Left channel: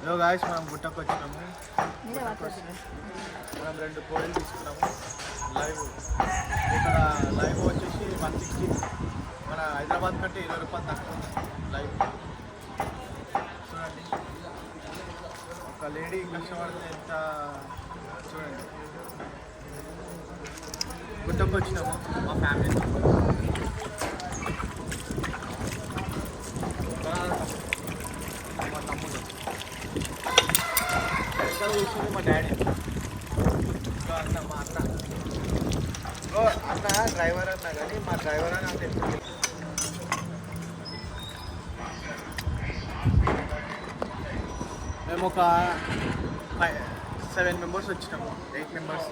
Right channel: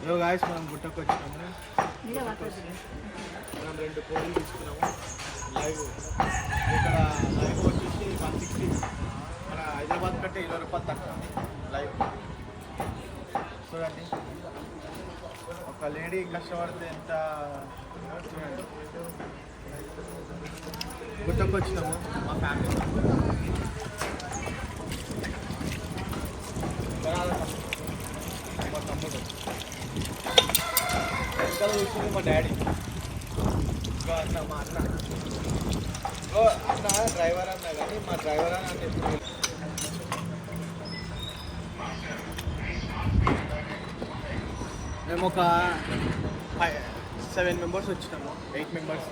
Hello guys, మనం గుట్టకు వచ్చినాము. మనం 2 కోడిలు తీసుకున్నాము. లైవ్ ఇక్కడ లైవ్ వచ్చేసి 160. మన హైదరాబాద్ కంటే 20 రూపాయలు తక్కువ ఉంది లైవ్. చూడండి, ఒక లేడీ కష్టపడితే ఎంత. చూడండి, గుట్టకు వచ్చినాము మా ఫ్యామిలీతో. మా తమ్ముడు ఇంకా కూర్చుంది, మా డాడీ, ఇంకా అన్న మా అన్న. అన్న డ్రైవర్ అన్నా కానీ మా డ్రైవర్ అని అన్న ఎప్పుడు మేము ఒక 7 మెంబర్స్ వచ్చినాము, 8 మెంబర్స్.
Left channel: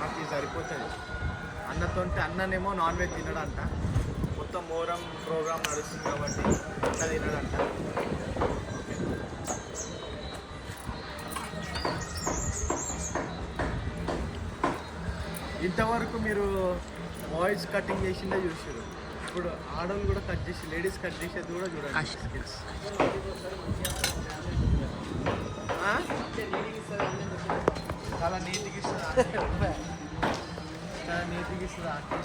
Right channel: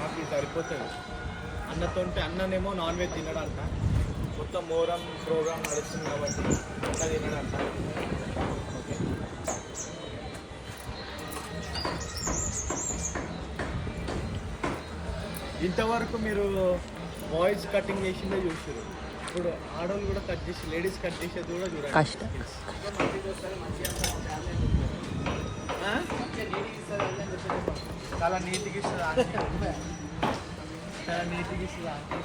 మాకు ఇది సరిపోతుంది. అన్ననేమో నాన్ వెజ్ తినడంట. మొత్తం మోరం ప్రోగ్రామ్ నడుస్తుంది కాబట్టి అన్న తినడంట. ఓకే, ఇంతవరకు మీరు బాయ్స్ కటింగ్ చేసిందే చూసారు. ఇప్పుడు ఆడవాళ్ళు కూడా కట్ చేసి, లేడీస్ కట్ చేసేది కూడా చూడండి. చాలా నీట్గా ఇస్తుంది, చాలా నీట్గా ఇస్తుంది ఆంటీ.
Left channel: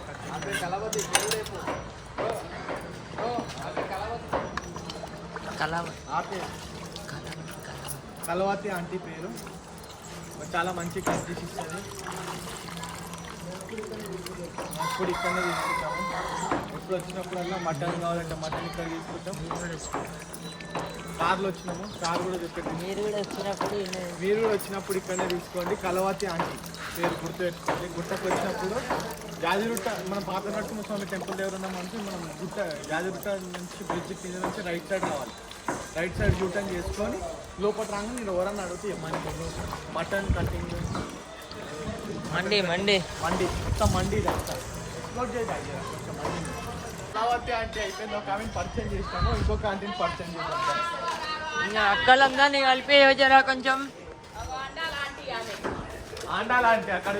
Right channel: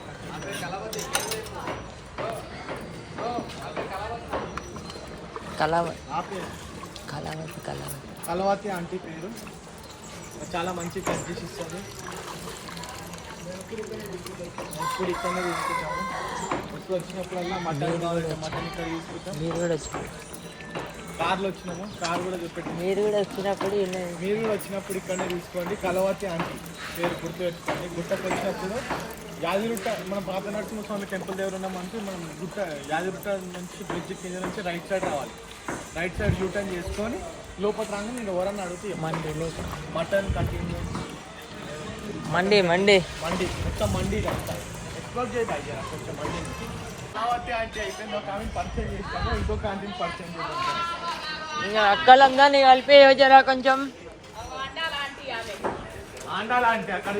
కలవతి ఆంటీ పేరు. చాలా మంచి కట్ చేసి ఇస్తుంది. ఎప్పుడు ఇక్కడనే తీసుకుంటాము. ఎప్పుడు వచ్చినప్పుడల్లా మటన్ కావాలంటే మటన్ ఇక్కడ తీసుకుంటాం. మీరు కూడా కార్లో వచ్చినాము, కార్ కూడా చూపెట్టి. మీరు కూడా వచ్చినప్పుడు ఇక్కడనే తీసుకోండి. కలవతి ఆంటీ పేరు గుర్తుపెట్టుకోండి. గుట్టకు వచ్చినప్పుడు యాదిరుట్ట, మనం పాత నరసింహస్వామి టెంపుల్ దగ్గర ఉన్నామంటే మనం యాదిరుట్ట నుంచి బ్రిడ్జ్ కింద నుంచి రైట్ సైడ్ రావాలి. రైట్ సైడ్ యూటర్న్ చేసుకొని లోపల రాగానే నేను ఎవరన్నా అడిగితే మటన్ కటింగ్ మండి మొత్తం మండి ఎక్స్ప్లోర్ చేయి బాయ్. కొంచెం మండిని కలవతి ఆంటీ అయిపోయింది. ఒక ఆమెను పరిచయం చేస్తాము, ఇంకొక ఆంటీని పరిచయం చేస్తాము. ఇంకా అక్కలందరినీ కలిపి జరా కొంచెం ఆండాలంటే అక్కడ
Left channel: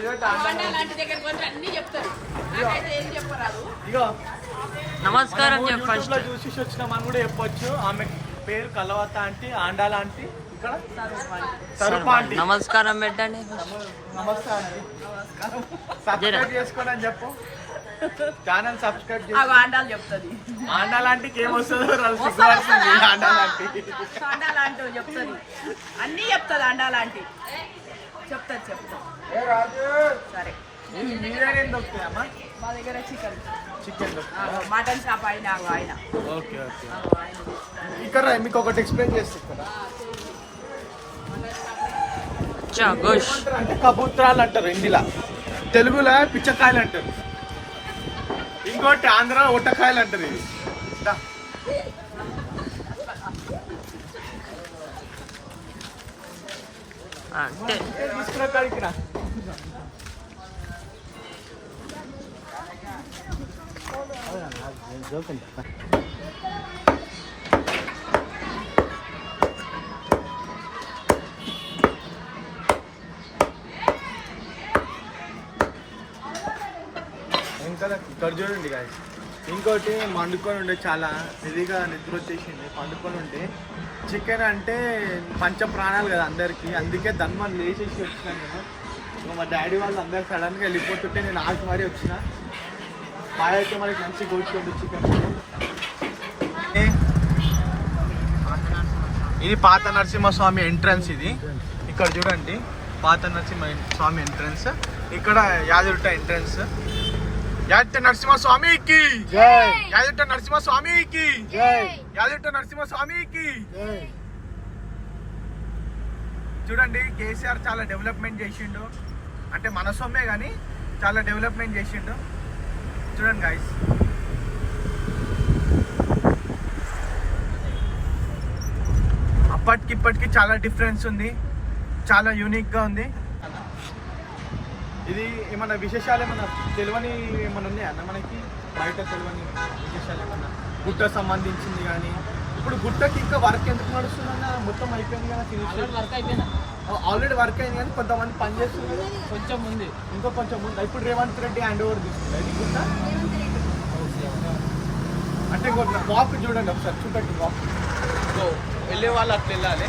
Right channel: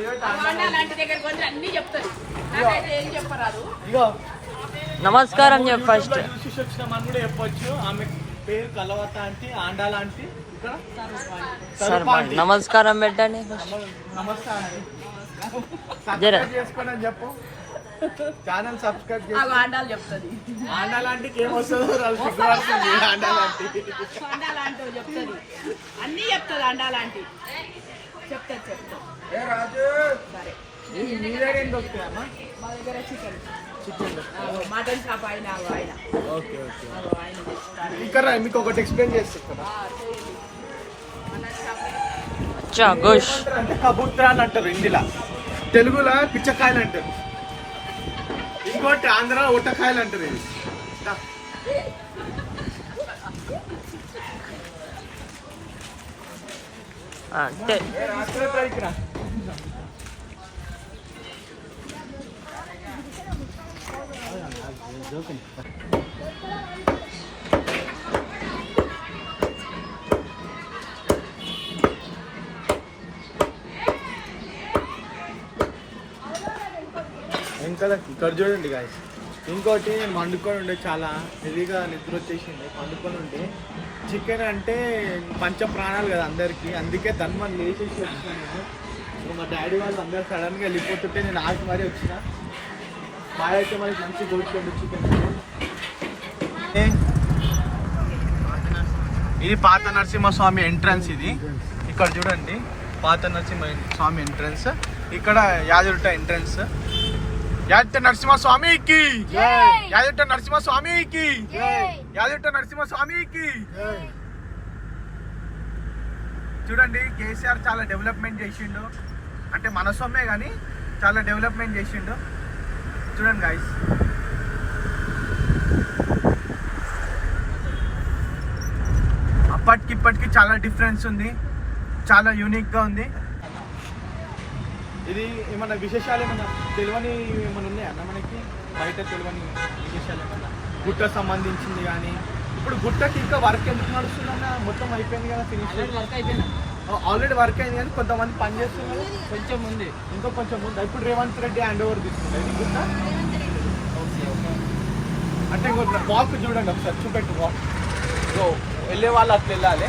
ఇగో నమస్కారం చెప్పు. ఫస్ట్ చూసి వచ్చినామని కూడా చెప్పొచ్చు. ఆమె పేరు కలవత ఆంటీ, ఆండాల ఆంటీ. ఇక్కడ నమస్కారం పెట్టండి. నమస్తే ఆంటీ, సబ్స్క్రైబ్ చేసుకోండి అని చెప్పు. ఛానల్ సబ్స్క్రైబ్ చేసి ఆండాలు చెప్తుంది. ఆండాలంటికి ఏమొస్తుందో ఆండాలంటూ చెప్తుంది, అన్నీ చెప్తుంది. ఆండాలంటి చెప్తుంది. సరే, మీ దగ్గర ఏం దొరుకుతాయమ్మా? మా దగ్గర చికెన్ మటన్ షాప్ ఆయన. ఓకే, ఇక్కడ మీకు ఒకటి ఎక్స్ప్లెయిన్ చేస్తే ఇక్కడ అంటే కబూతరాలు అంటారు హిందీలో, తెలుగులో పిచ్చకాయలు అంటారు, ఇంకోటి ఆంధ్ర ఒట్టకాయలు అంటారు. ఇది తీసుకురా ఇక్కడ. ఇంకా ఇక్కడ చూడండి గాయస్, ఇంకోటి వండుకొని ఉండే, చాలా హెవీగా నిద్ర వచ్చేసింది. వండుకొని ఉంటే చికెన్ అంటే పంచ ప్రాణాలు కదా అందరికీ, అందుకే ధన్మని లేచేసి వచ్చిన నేను. మా డాడీ వాళ్ళు అందరు సడన్గా వెళ్ళిపోతుంటే నేను ఆగి మరీ వచ్చిన. మా అయితే మనకి మంచి గోచుకోండి చికెన్. ఇది పాత నరసింహస్వామి ఎంట్రన్స్. ఇది ఇక్కడ చూడండి, పాత నరసింహస్వామి ఎంట్రన్స్. ఇక్కడ యాదగిరిగుట్ట ఎంట్రన్స్. యాదగిరిగుట్ట నరసింహస్వామికి యాదగిరిగుట్ట నరసింహస్వామికి యాదగిరిగుట్ట నరసింహస్వామికి. చూడండి, కేసీఆర్ చాలా డెవలప్మెంట్ చేసిండు. అంటే మన సొమ్మే కానీ చాలా డెవలప్మెంట్ చేసిండు. చూడండి గైస్, అప్పటికి ఇప్పటికి చాలా డిఫరెన్స్ ఉంది, చాలా యూనిక్గా ఉంది. ఇది ఏమన్నా విశేషాలు ఏమన్నా తెలియని ఏమన్నా ఉన్నాయా అన్న మనకి? బయట తెలియని విశేషాలు ఏమన్నా గుట్టకు సంబంధించింది కానీ? ఇప్పుడు గుట్టకి ఇంకా వర్క్ ఎందుకు నడుస్తుందన్న? మొత్తం అయిపోయింది కదా, ఫినిష్ వర్క్ అయిపోయింది, ఆల్రెడీ వర్క్ అయింది. కానీ కొంతమంది పని చేస్తున్నారు, కొంచెం ఉంది, ఇంకా కొంచెం ఉంది. ఇప్పుడు రేవంత్ రెడ్డి హ్యాండ్ ఓవర్ తీసుకుంటా ఇది గుట్ట. ఓకే, అంటే ఇంకోటి వాక్ చూడండి ఒకసారి, చూపెట్టు వాక్. వెళ్ళే వాళ్ళు అట్లా వెళ్ళాలి.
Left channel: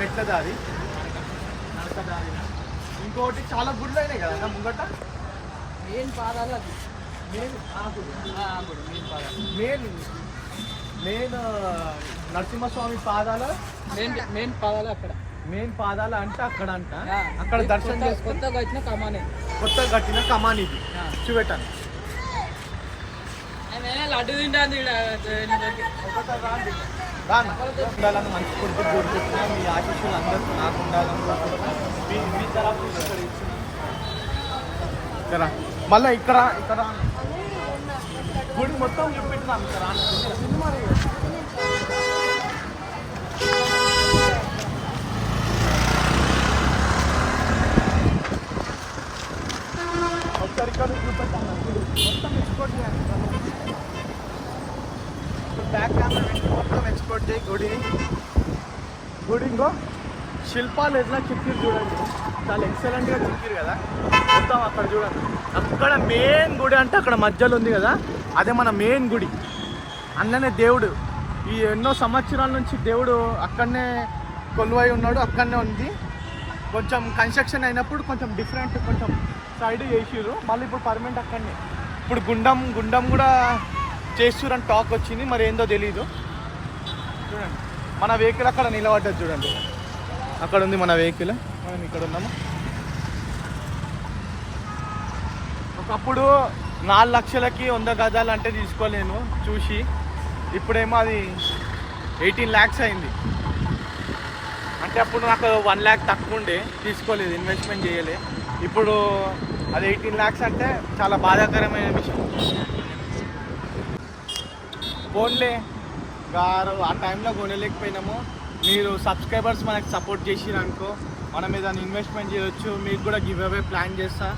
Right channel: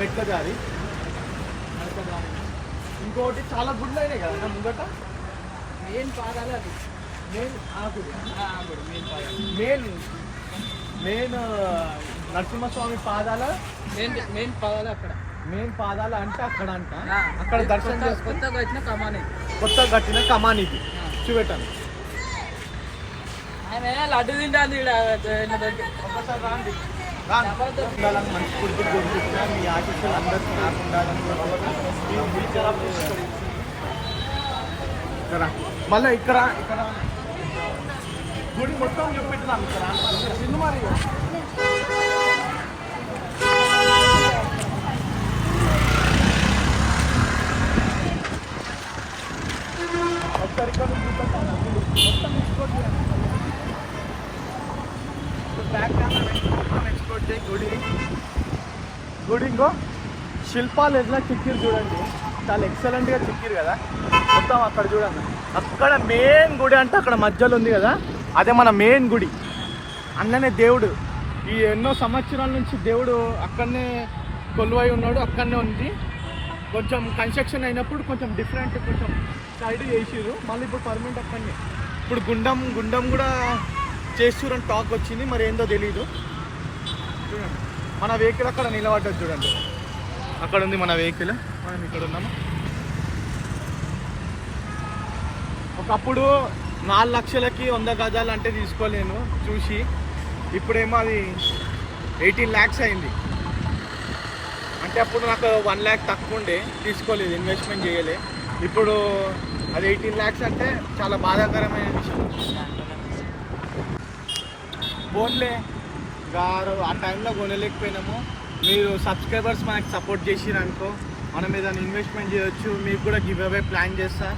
మెట్ల దారి, నడక దారి. ఇంకొకటి చాలా గుళ్ళు అయినాయి కదా ముంగట. మెయిన్ పాదాలు అది. మెయిన్ మెయిన్ నరసింహస్వామి పాదాల మెయిన్ పాదాలు అక్కడ. మెయిన్ పాదాలు అంటే అక్కడ అంట. అక్కడ దర్శనం చేసుకొని కొత్తగా వచ్చిన కమానే, కొత్తగా కట్టిన కమాన్ ఇది చూపెట్టాను. లడ్డు తింటాను. ఒకసారి రాండి. ఉండాలని మంచి ఫుడ్ దొరుకుతున్నా మీ ఆశీస్సులు అందరికీ నాకు ఉండాలని కోరుకుంటున్నా. మీ తరఫు ఇక్కడ మళ్ళీ ఇక్కడ గుడి మొత్తం చూపెట్టుదాం. ఇక్కడ మరి ఒకసారి ఇక్కడ చూపెట్టాను. గుడి మొత్తం ఎక్స్పోర్ట్ చేయాలి. బ్యాక్ కెమెరా మొత్తం ఎక్స్పోర్ట్ చేయి. గుడి ఇంకో శిల్పాలు ఎట్లా చిక్కిరు చూడండి, చాలా ఎక్సలెంట్గా చిక్కిరు కదా. మొత్తం అక్కడ చూడండి, అక్కడ మెయిన్ గుడి అంటే అక్కడ మధ్యలో ఉంది కదా, అదే మన మెయిన్ గుడి. అన్ననే దేవుడు ఈ ఎన్నో సంవత్సరాల నుంచి దేవుడు అక్కడనే కొలువై ఉన్నాడు, అక్కడనే ఉంది. కొంచెం కన్స్ట్రక్షన్ అయినప్పుడు కొంచెం డిఫరెంట్, కొంచెం సైడ్ చేసిర్రు, మళ్ళీ ఇప్పుడు పర్మనెంట్ అక్కడనే. ఇప్పుడు గుండం కూడా చేస్తురని టాక్ వచ్చింది, మరి ఏందో తెలీదు. చూడండి మన వెహికల్ అక్కడ నిలబడ్డది చూడండి, అక్కడ ఉంది మన వెహికల్, మనం ఇక్కడ ఉన్నాము. ఒకప్పుడు 4 లక్షలకి 100 గజాలు అంటే తీసుకోలేము చూసి, ఇప్పుడేమో అది 18 lakhs అయింది. అంటే అప్పుడు నాకు 1 lakh తక్కువ ఉండే, తీసుకోలేదు, ఇన్వెస్ట్మెంట్ చేయలే. ఇప్పుడు అది 18 lakhs అంటే చాలా బాధాకరమైన విషయం. ఫోన్లే గారు ఆ టైంలో కొనలేకపోయినాము. మీరు సబ్స్క్రైబర్స్ మనకు సపోర్ట్ చేసిరు అనుకో, మనం ఏదైనా ఇన్వెస్ట్మెంట్ చేయొచ్చు. మీకు కూడా గివ్ అవే ప్లాన్ చేస్తా.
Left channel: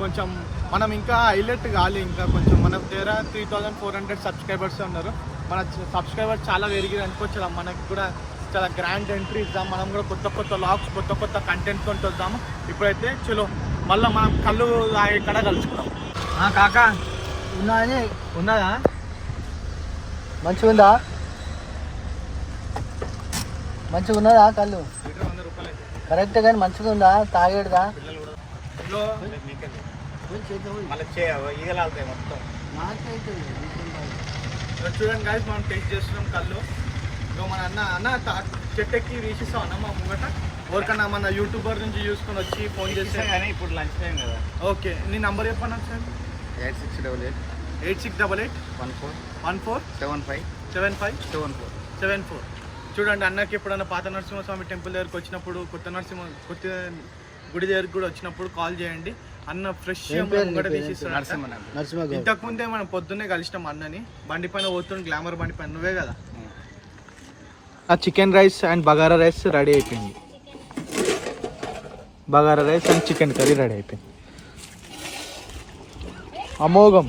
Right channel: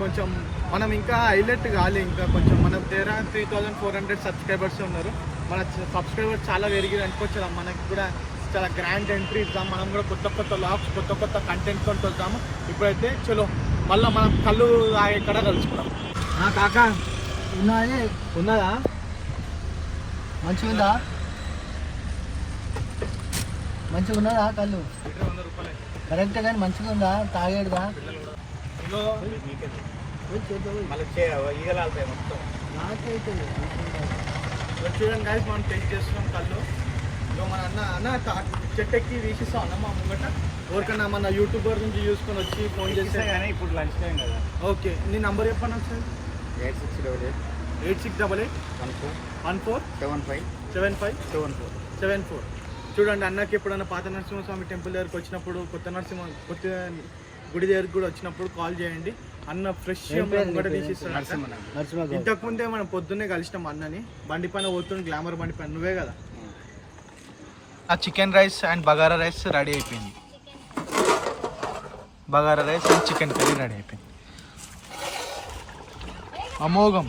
కొంచెం మనం ఇంకా హైలైట్ కావాలి, ఇంకా కొంచెం మన దగ్గర 3400 సబ్స్క్రైబర్స్ ఉన్నారు. మన సబ్స్క్రైబర్స్ చాలా పెరిగింది అనుకోవచ్చు, మనకి కూడా చాలా గ్రాండ్ ఎంట్రీ ఇద్దాం. మనం కూడా కొత్త లాగ్స్, కొత్త కంటెంట్ కొంటూ వద్దాము. ఇప్పుడైతే చలో మళ్ళీ మనం కళ్ళు ఎక్కడ కలుసుకుందాం. కాకా ఉన్నదా? మంచిగా ఉన్నదా కళ్ళు? 100 రూపాయలు కరెక్ట్ కానీ మంచిగా ఉందా? తాగేడుదా? ఈగలాలుతాయి మొత్తం. చూడండి గాయస్, మనం టేస్ట్ చేస్తున్నాం కళ్ళు. ఇగో మన అన్న చెట్టు ఎక్కి తీసిస్తాం అన్న మా ముంగట. ఎవరికన్నా మన యూట్యూబర్ నుంచి చూసుకొని వచ్చి ఫోన్ చేస్తే కానీ ఇప్పుడు లంచ్ టైం కదా. ఓకే, నీ నంబర్ చెప్పండి సార్. 868814757574. చూడండి, అన్నకి ఎప్పుడన్నా పాత నరసింహస్వామి టెంపుల్ దగ్గరికి వచ్చినప్పుడు, కొత్త గుడి దగ్గరికి కూడా వచ్చినప్పుడు కాల్ చేయండి. అన్న ఫ్రెష్ ముంగట తీసిస్తాడు. ఇంతకుముందే మనం పొద్దున్నే కలిసినాం అన్నని, బండి పైన పోతుండే, గ్లామర్ బండి పైన. నువ్వే కదా. ఆ chicken rice and bagara rice ready అయిపోయింది. Bagara rice and chicken curry ready అయిపోయింది. అమోఘం.